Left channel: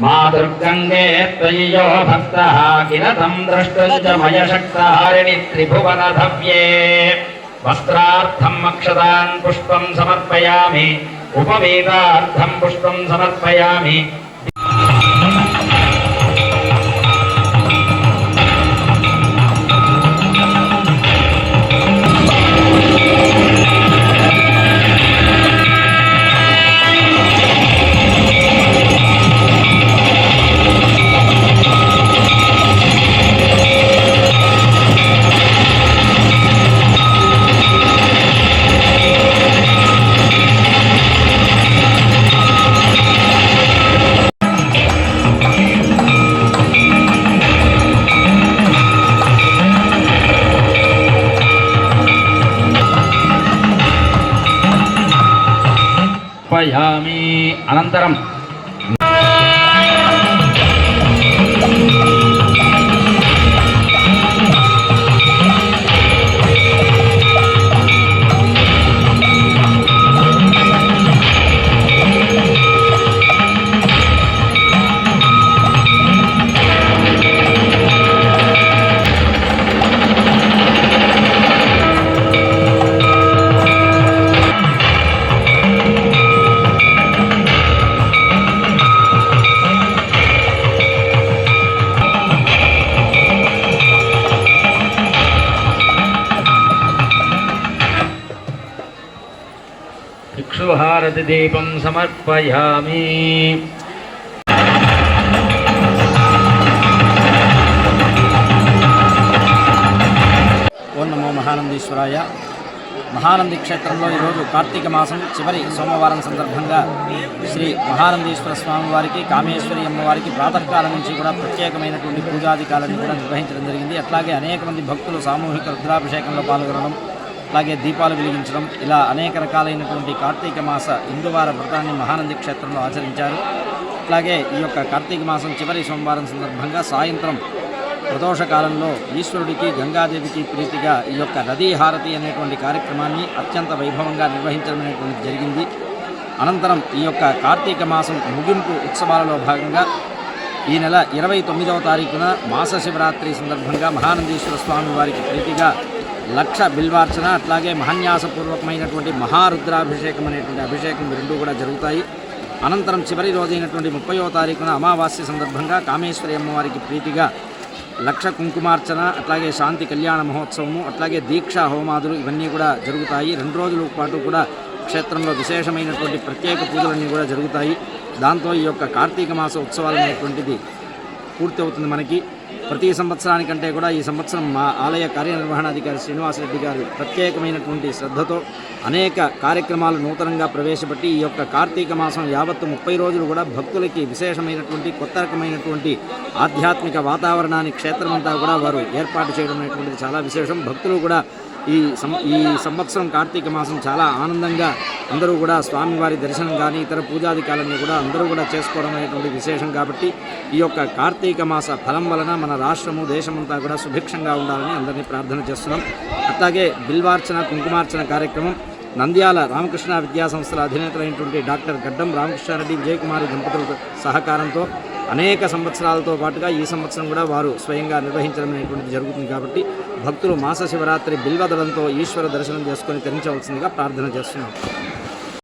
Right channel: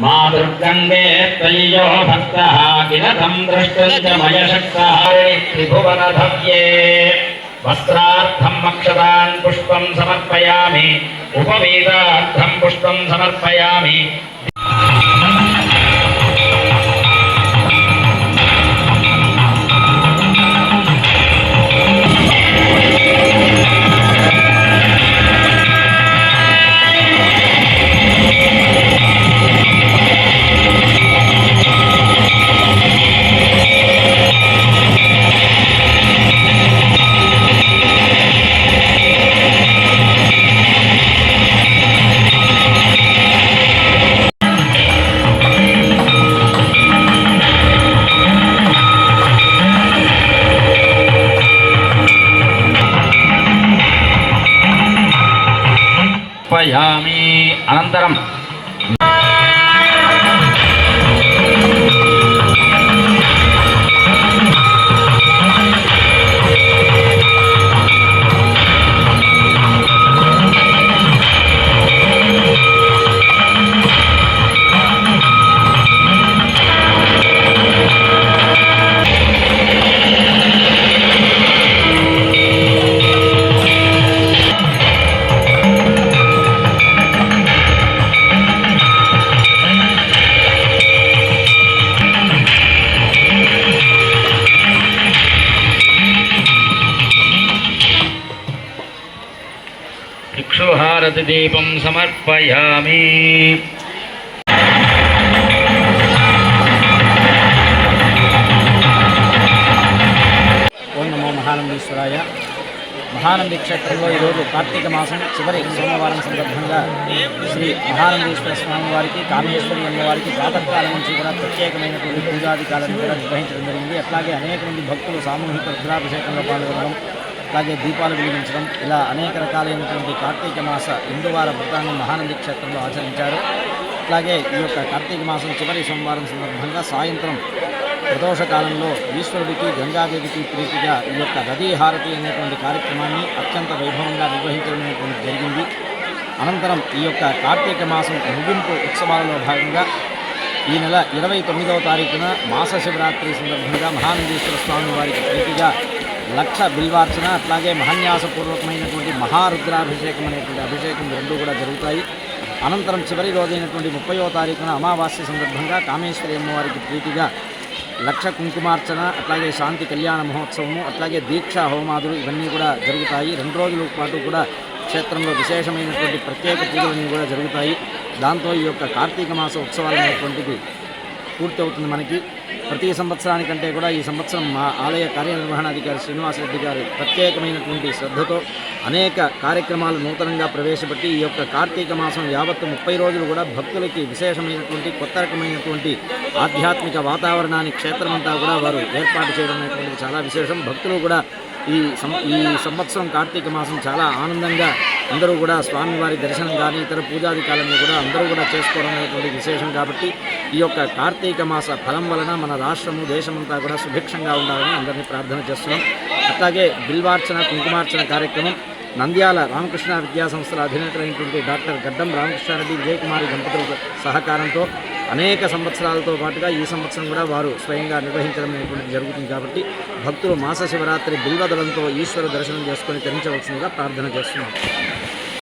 मा दुर्गंगे त्रय्यो भक्तः किल तं द्रष्टुश्च मयशक्तहारिणि त्रिभुवनधव्ये वस्त्रार्थम् अक्षतान् पुष्पं समर्पयामि उपवीतार्थं पुष्पं समर्पयामि अनन्तरं इक्षुहारति दीपं समर्पयामि। ఓం నమో మహానందీశ్వరాయ. మహానంది క్షేత్రంలో ఈరోజు కార్తీక మాసం చివరి సోమవారం సందర్భంగా శ్రీ మహానందీశ్వర స్వామి వారికి, కామేశ్వరి అమ్మవారికి ప్రాతకాలం నుంచి కూడా ప్రత్యేకమైనటువంటి పూజాధికారాలను కూడా నిర్వహించడం జరిగింది. అట్లాగే అనేక మంది భక్తులు సామూహిక రుద్రాభిషేకంలో పాల్గొనడం, అలాగే దీపాలు వెలిగించడం, ఇలా అనేక రకాలైనటువంటి కార్తీక మాస హిందువార వ్రతాన్ని మహానంది క్షేత్రంలో ఆచరించారు. అట్లాగే ఈ యొక్క కార్తీక మాసం చివరి సోమవారం సందర్భంగా సాయంత్రం ప్రదోష కాలంలో ఈశ్వరుడికి, గంగాదేవికి ప్రీతిగా ఈ యొక్క నదీ హారతి అనేటువంటి కార్యక్రమాన్ని అత్యంత వైభవంగా నిర్వహించడం అనేటువంటి జరిగింది. అనంతరం ఈ యొక్క కార్తీక మాసం ముగింపు ఉత్సవాలలో భాగంగా ఈ నెల 29వ తారీఖున మాస శివరాత్రి సందర్భంగా మహానందీశ్వర స్వామి వారికి ప్రీతిగా 1,00,000 బిల్వార్చన, అట్లాగే మహాన్యాసపూర్వకమైనటువంటి మహారుద్రాభిషేకం అనేటువంటి అభిషేకం రెండూ కూడా జరుగుతాయి. అనంతరం చివరి రోజైనటువంటి 30వ తారీఖున అమావాస్య సందర్భంగా కామేశ్వరి అమ్మవారికి ప్రీతిగా 1,00,000 కుంకుమార్చన, అట్లాగే శాంతి కళ్యాణ మహోత్సవము, అట్లాగే దీక్షా హోమాదులు ఇవన్నీ కూడా జరుగుతాయి. 2 రోజుల పాటు కూడా క్షేత్రంలో విశేషమైనటువంటి ప్రత్యేక పూజలన్నీ కూడా జరుగుతాయి. దాంతో ఈ యొక్క కార్తీక మాస ఉత్సవాలు అనేటువంటిది పూర్తి అవుతుంది. మనకి ప్రతి సంవత్సరానికంటే కూడా ఈ సంవత్సరం మా ఆలయ కార్యనిర్వహణాధికారి శ్రీనివాసరెడ్డి గారు ప్రత్యేకమైనటువంటి శ్రద్ధతో అనేక కార్యక్రమాలు నూతనంగా ప్రవేశపెట్టి ఈ యొక్క కార్తీక మాసం యావత్తు 30 రోజులు కూడా భక్తులకి విశేషమైనటువంటి కొత్త రకమైనటువంటి ఆధ్యాత్మిక వాతావరణాన్ని క్షేత్రమంతా కూడా వారు ఏర్పాటు చేయడం అనేటువంటిది చాలా విశేషం. భక్తులు కూడా ఈ సంవత్సరం కార్తీక మాసం చాలా ఆనందంగా అందరూ కూడా స్వామివారి దర్శనం కానీ ఇతర పూజాధికారులను కూడా అందరూ కూడా చేసుకోవడం అనేటువంటి విశేషం. కాబట్టి ఈ యొక్క కార్తీక మాస ఫలం వలన మన రాష్ట్రము, దేశమంతా కూడా సుభిక్షంగా ఉండాలని అందరినీ ప్రార్థన చేస్తున్నాం. అట్లాగే బిల్వార్చన, కుంకుమార్చన కార్యక్రమం నంద్యాల రామకృష్ణ విద్యా సంస్థల అధినేతలైనటువంటి డాక్టర్ గడ్డం రామకృష్ణారెడ్డి, విజయకుమారి దంపతుల సహకారంతో అనేక సంవత్సరాలతో పాటుగా ఈ సంవత్సరం కూడా వారు స్వయంగా నిర్వహించడం అనేటువంటిది జరుగుతుంది. కాబట్టి భక్తులు మాస శివరాత్రి బిల్వదలంతో ఈశ్వర దర్శనం చేసుకొని తరించవలసిందిగా ప్రార్థన చేస్తున్నాం.